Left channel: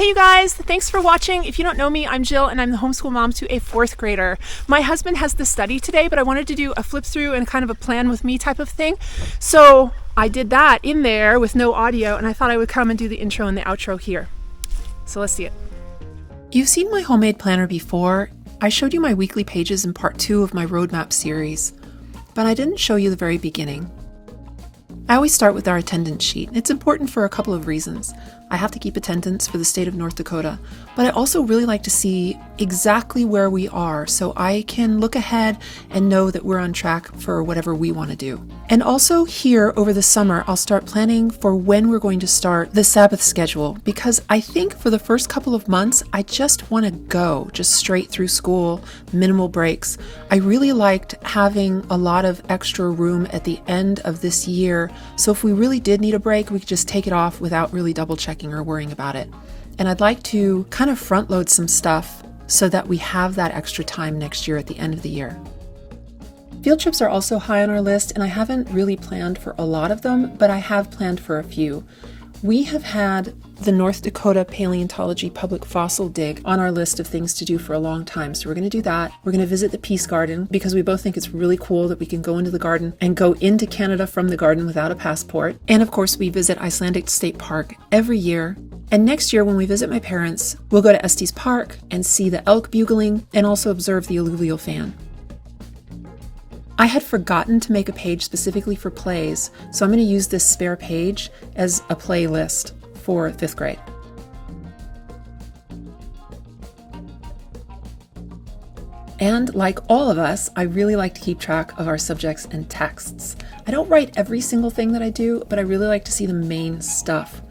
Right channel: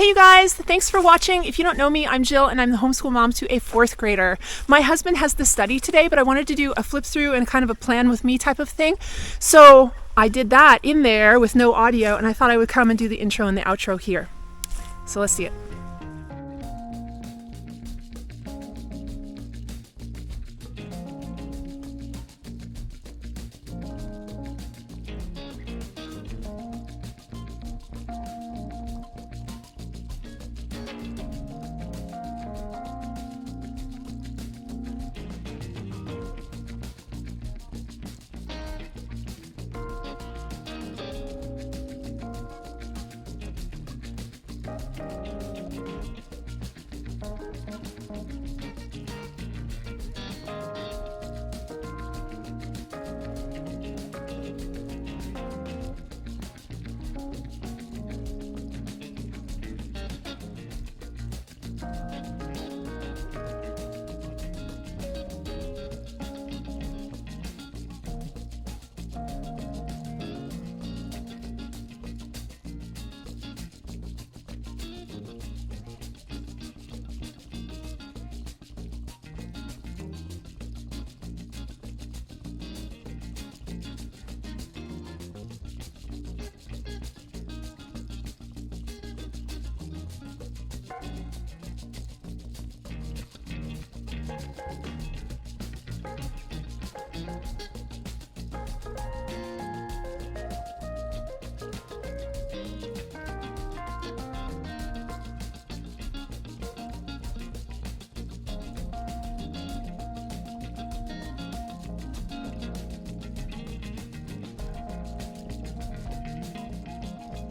Hey you guys, thanks for watching. If you don't know me, I'm Jill and I'm the homeschool mom to a fourth grader. My husband has the study today, but I wanted to do a flip through and kind of a plan with me type of thing. So I did that in there with no audio, and I thought I would come and do the intro and the outro here. So let's see it. You've seen my homemade planner before. I showed you my weekly pages in part 2 of my roadmap series, but I didn't show you the very beginning. I always start with our attendance sheet. It's important for a couple of reasons. I have to keep attendance for the state of North Dakota, but I also really like to see exactly where we are so I can look ahead and know that we're on track for whatever we want to do. And also here over the summer, I'll start planning for when we're going to start the Sabbath schedule, because I think for the first couple of months, I just want to go just straight through school, minimal breaks. I really liked having a lot of extra room at the end of this year, so if we really did need a break, we could just take it off without really double checking or worrying about it. And I'd like to kind of front load some stuff so that we have that extra time next year at the end of the year. Field trips are also high on our list, and I haven't really planned for a lot of them, but I have planned for a few. We have had the North Dakota Paleontology Public Fossil Dig on our list of things to do for a long time. So we're going to do that. We're going to visit the Peace Garden because we both think it's really cool that we can go into the garden and go into Canada from the garden without a passport. And of course, we visit Icelandic State Park every year. And next year when we visit my parents, we'll go to Estes Park and see the elk bugling and also observe the alluvial fan. I had forgotten to make a page specifically for plays, so I'm going to use this spare page as a playlist for 5th grade. And like all of us, I really like to keep track of our subjects and texts. I don't write every single thing that I do, but I really like to see the main stuff.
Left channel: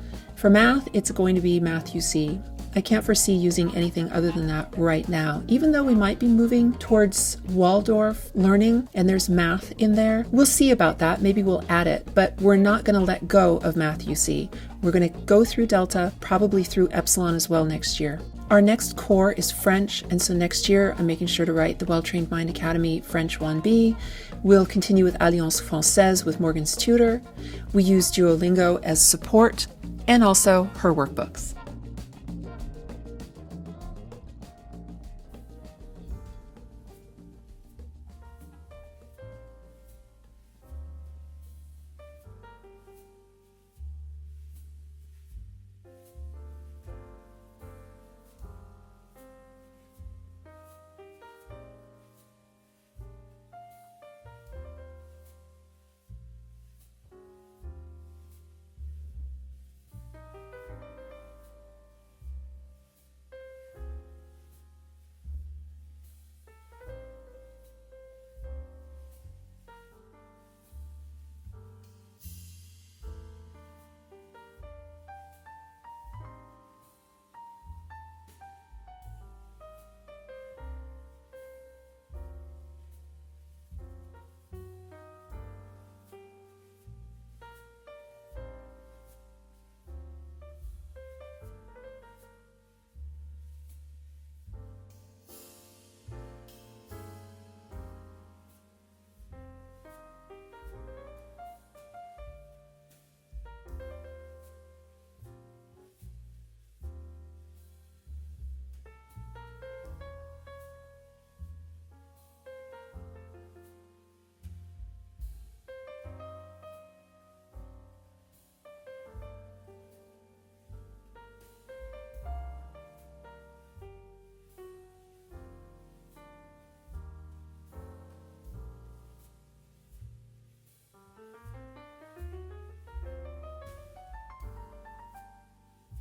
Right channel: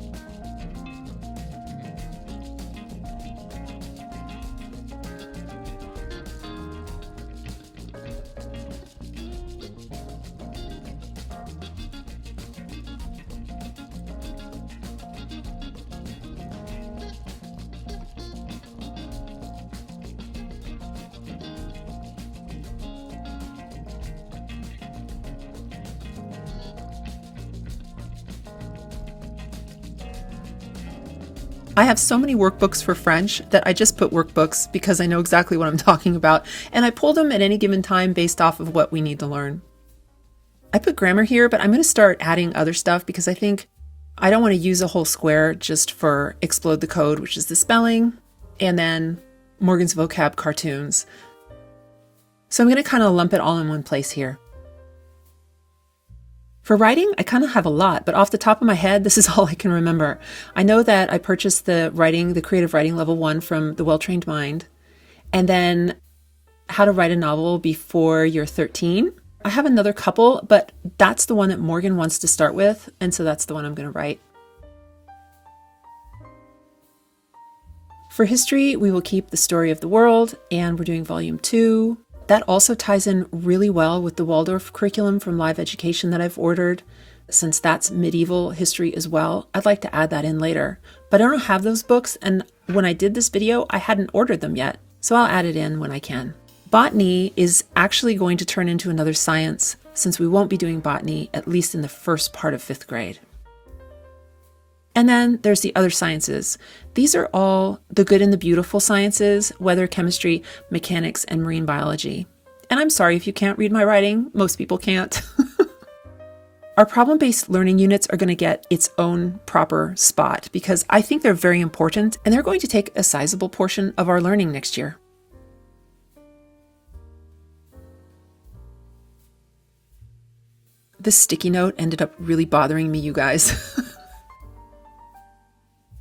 For math, it's going to be Math UC. I can't foresee using anything other than that right now. Even though we might be moving towards Waldorf learning and there's math in there, we'll see about that. Maybe we'll add it, but we're not going to let go of Math UC. We're going to go through Delta, probably through Epsilon as well next year. Our next core is French, and so next year I'm making sure to write the Well-Trained Mind Academy French 1B. We'll continue with Alliance Française with Morgan's tutor. We use Duolingo as support, and also her workbooks. I have so many workbooks for French that I just put workbooks because I know exactly what I'm talking about, and I pull them at any given time based off of what we need to learn. I put grammar here, but I'm going to start adding other stuff because I think I don't want to use a whole square just for Explode the Code, which is the spelling, and then Morgan's vocab cartoons. So I'm going to kind of lump it all in one place here. For writing, I kind of have a lot, but off the top of my head, this is all I can remember. I know that I purchased the creative writing level 1 from the Well-Trained Mind, and then how to write a novel before you're 13. I have another couple, but that's the one that Morgan wants to start with, and so that's the one I'm going to write. For history, we will keep the story of the world, and we're doing volume 2. That also ties in really well with the Waldorf curriculum from Live Education that I've ordered. Since that's medieval history as well, I'd like to add that in later. But I don't have those books, and when I did this video, I hadn't ordered them yet, so I'll add it in when I can. Botany is actually going to turn into another science, since we won't be doing botany, at least in the first part of 5th grade. And then there's the other sciences. These are all the good and the beautiful sciences: weather, chemistry, mechanics, and marine biology. And I'm sorry if you can't read my writing. Most people can't. Our problem-based learning units are going to get its own proper spot because I think they're very important, and they're going to take a sizable portion of our learning next year. This sticky note ended up really bothering me, you guys.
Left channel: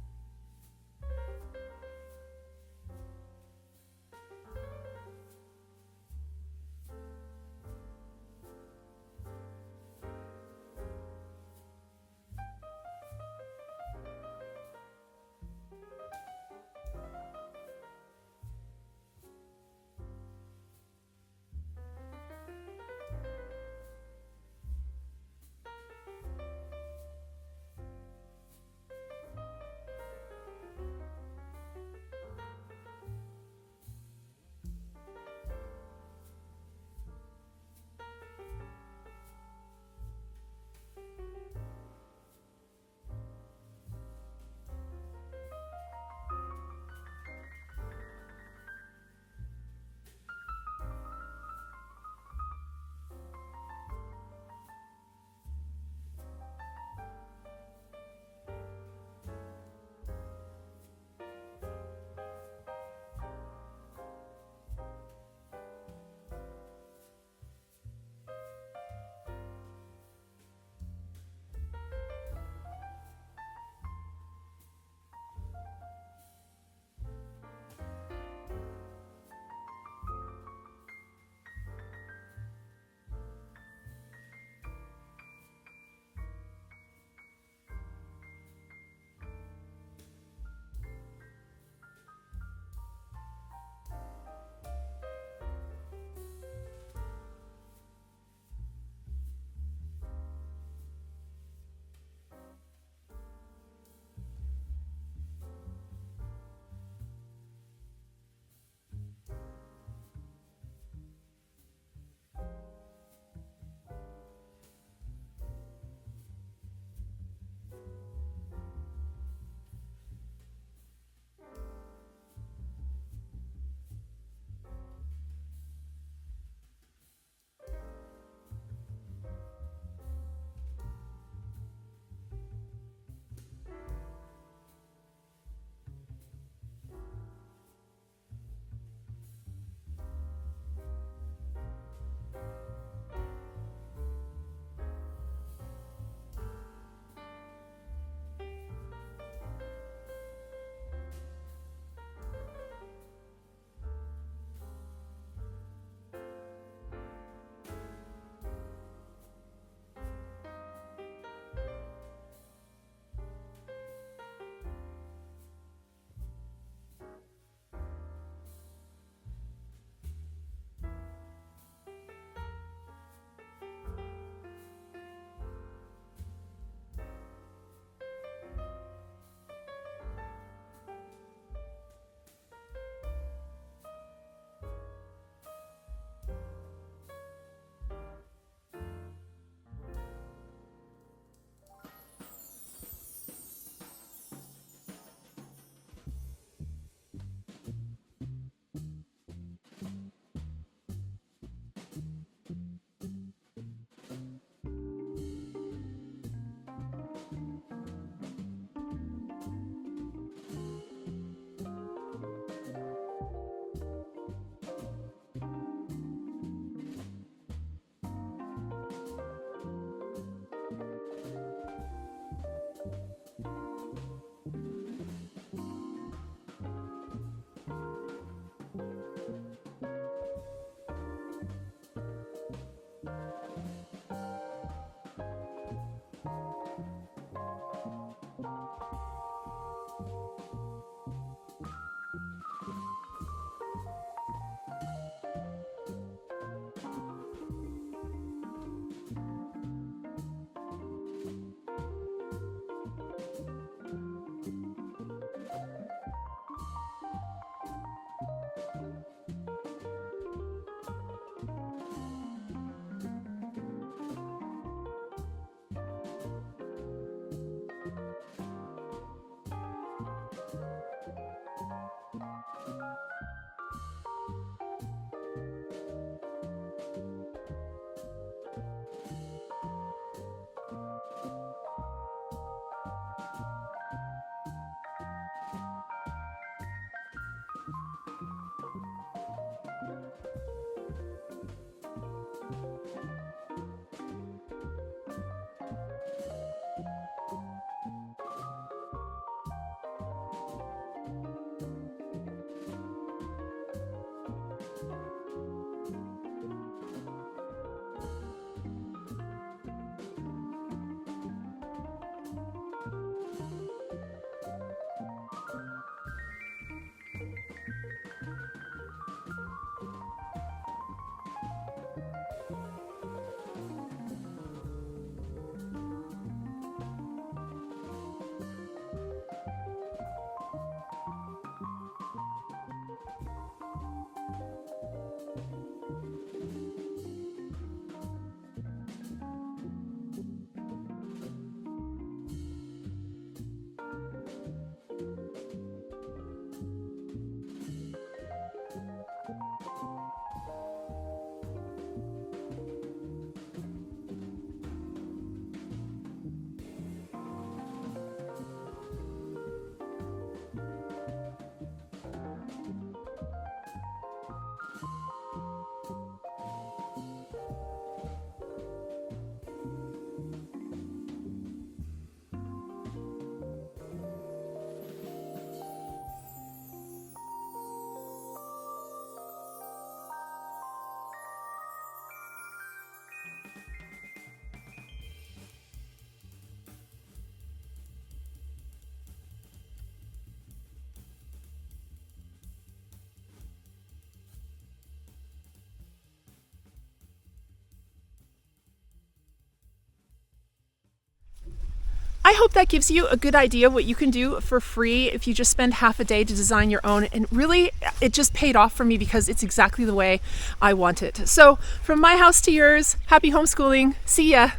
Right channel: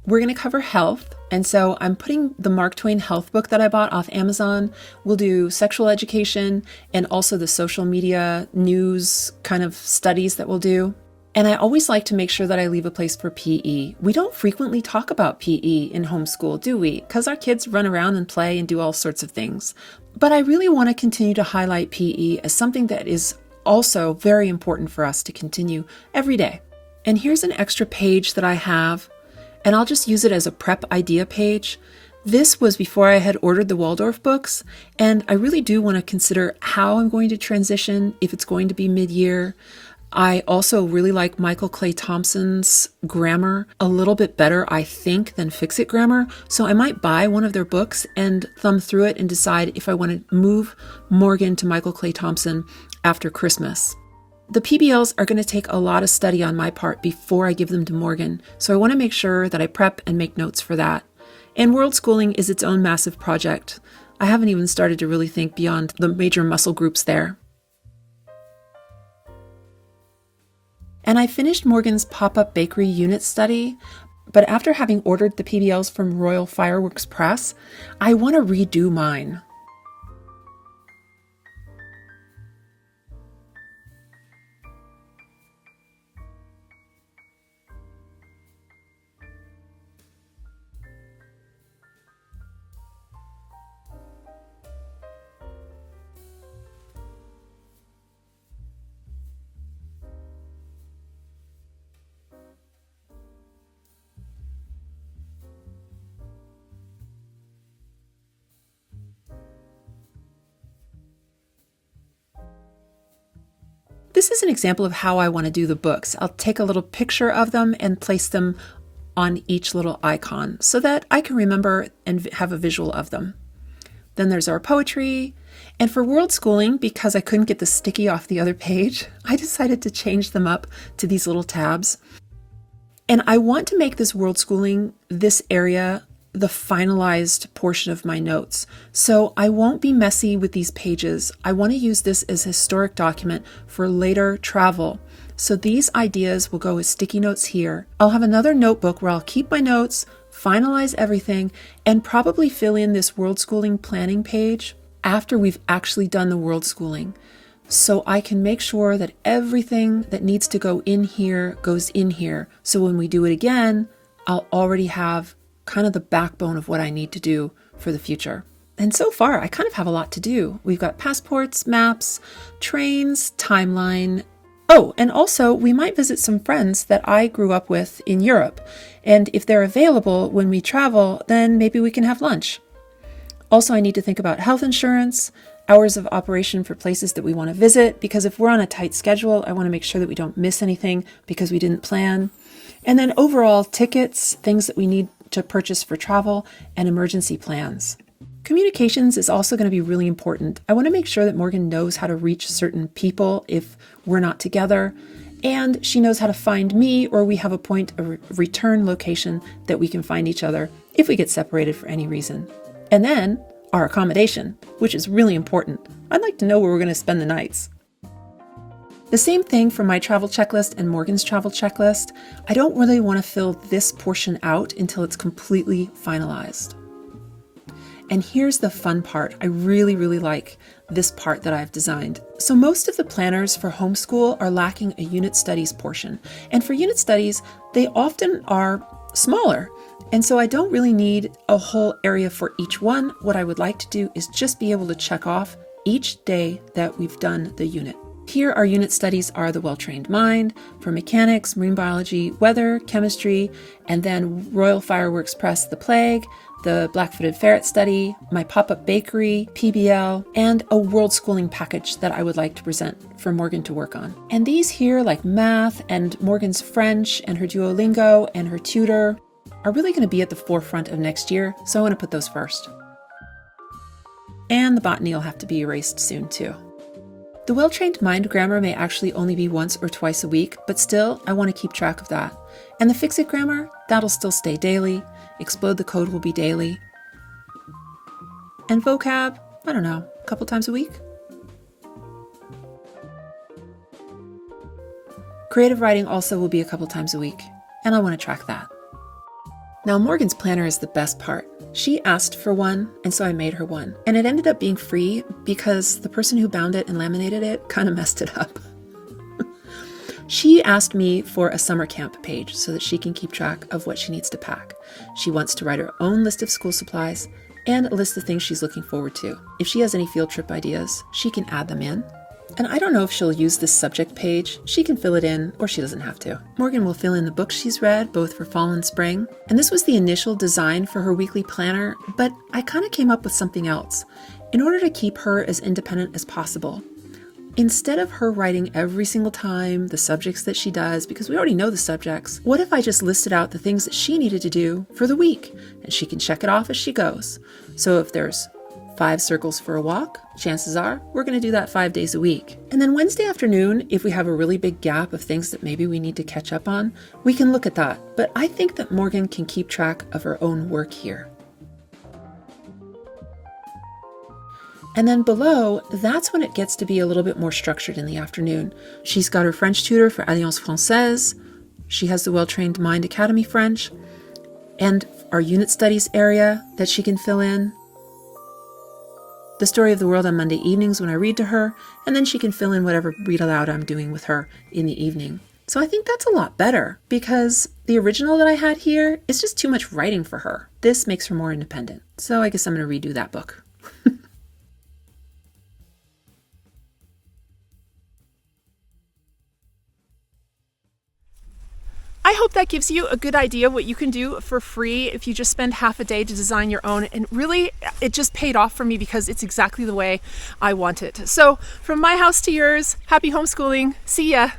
We're going to cover health, and so I'm putting the Mark Twain health book that I bought off Amazon. We'll do sexual education and also the social media news kind of studies that we'll do. And I always like to make sure that I leave a place for PE. We don't frequently talk about PE in homeschool, do we? Because our kids run around and play and do all sorts of things. But I really want to continue to highlight PE as something that is also very important for us to continue every day. And here's an extra page that I have, and I'll just use it as a prep idea page. This was before I had ordered the Waldorf books, and I really do want to consider how I'm going to transition, if it's going to be mid-year. I also really like Michael Clay Thompson's grammar a little bit better, I think, than Fix It Grammar. So I might buy one of their books and thumb through it and decide if I want to move Morgan to Michael Clay Thompson after Christmas. The PBLs are going to take a lot of study on my part before I give them to Morgan, so I want to make sure that I prep and make notes for that. And World Schooling is its own massive project. I haven't even started to really think beyond the major muscle groups there. And I finished Morgan's pop-up bakery unit study, but after having ordered the PBLs from Royal Fireworks Press, I want to redo mine. This is an example of how I want to do the books. I'll take a little picture of them and place them on each little icon so that I can remember and have a visual of them. Then there's our poetry. And for World Schooling, because I couldn't get the sticky off the other page, I decided to change them up to these little tabs. And I want to make this World Schooling, this area, the finalized portion of my notes. So I won't be messy with these pages. I want to use this as a historic document for later travel. So these ideas will go as sticky notes here. I'll have another notebook where I'll keep my notes, finalize everything, and probably fill in this World Schooling planning page after we've actually done the World Schooling. So I can make sure that everything that needs to go in here goes in here. So when we do it again, I'll already have kind of the backbone of what I need to do for the future. And so far, I kind of have a lot to do. We've got passports, maps, trains, timeline. Oh, and also we might visit some friends that I grew up with in Europe. And if they're available when we travel, then maybe we can have lunch. Also, I need to think about health insurance, hours of operation for places that we want to visit, because if we're on a tight schedule, I want to make sure that we don't miss anything because we didn't plan. And then overall tickets, things that we need to purchase for travel, and emergency plans. Communications is also going to be really important. I want to make sure that Morgan knows how to reach certain people if we're not together, and she knows how to find me, or we have a point of return location that we can find each other if we get separated for any reason. And then our accommodation, which is really important. I'd like to know where we're going to spend the nights. The same thing for my travel checklist and Morgan's travel checklist. I don't really want to fill this portion out until it's completely finalized. And here's the fun part. I really, really like this part that I've designed. So most of the planners for homeschool are lacking a unit studies portion. And for unit studies, they often are smaller. And so I don't really need a whole area for each one. What I would like to do is just be able to check off each day that we've done the unit. Here, our unit studies are the well-trained mind for mechanics, marine biology, weather, chemistry, and then Royal Fireworks Press, the plague, the black-footed ferret study, my pop-up bakery, PBL, and a World Schooling package that I would like to present for Morgan to work on. And these here, like math and Morgan's French and her Duolingo and her tutor, are really going to be at the forefront of next year, so I want to put those first. And the botany will have to be erased soon too. The well-trained mind grammar may actually only be once or twice a week, but still, I want to keep track of that. And the fix-it grammar, that'll still stay daily. Explode the code will be daily. And vocab, I don't know, a couple times a week? Creative writing also will be a couple times a week, and I want to track that. Now, Morgan's planner is the best part. She asked for one, and so I made her one. And it ended up being free because the person who bound it and laminated it kind of messed it up. She asked me for a summer camp page so that she can keep track of what she needs to pack. She wants to write her own list of school supplies and a list of things she's looking forward to. If she has any field trip ideas, she can add them in. And I don't know if she'll use this subject page. She can fill it in, or she doesn't have to. Morgan will fill in the books she's read, both for fall and spring. And this was the initial design for her weekly planner, but I kind of came up with something else in order to keep her as independent as possible. Instead of her writing every single time the subjects that she does, because we already know the subjects, what if I just listed out the things that she needed to do for the week, and she can check it off as she goes? So if there's 5 circles for a walk, chances are we're going to do that 5 days a week. And then Wednesday afternoon, if we have a really big gap of things that maybe we need to catch up on, we can look at that. But I think that Morgan can keep track of her own work here. And then below, that's when it gets to be a little bit more structured in the afternoon. She's got her French tutor for Alliance Française. She has the Well-Trained Mind Academy French, and our unit studies area that she can fill in. The Story of the World on Monday evenings when I read to her, and then she can fill in whatever read aloud I'm doing with her in the evening. So I think that's a lot better, because the original that I had here is just too much writing for her. This makes her more independent. So I guess I'm going to redo that book. I hope that gives you a good idea what you can do for free if you just spend half a day to design your own. And really, it just paid off for me because it's exactly the way I want it. So from my house to yours, happy homeschooling. See ya.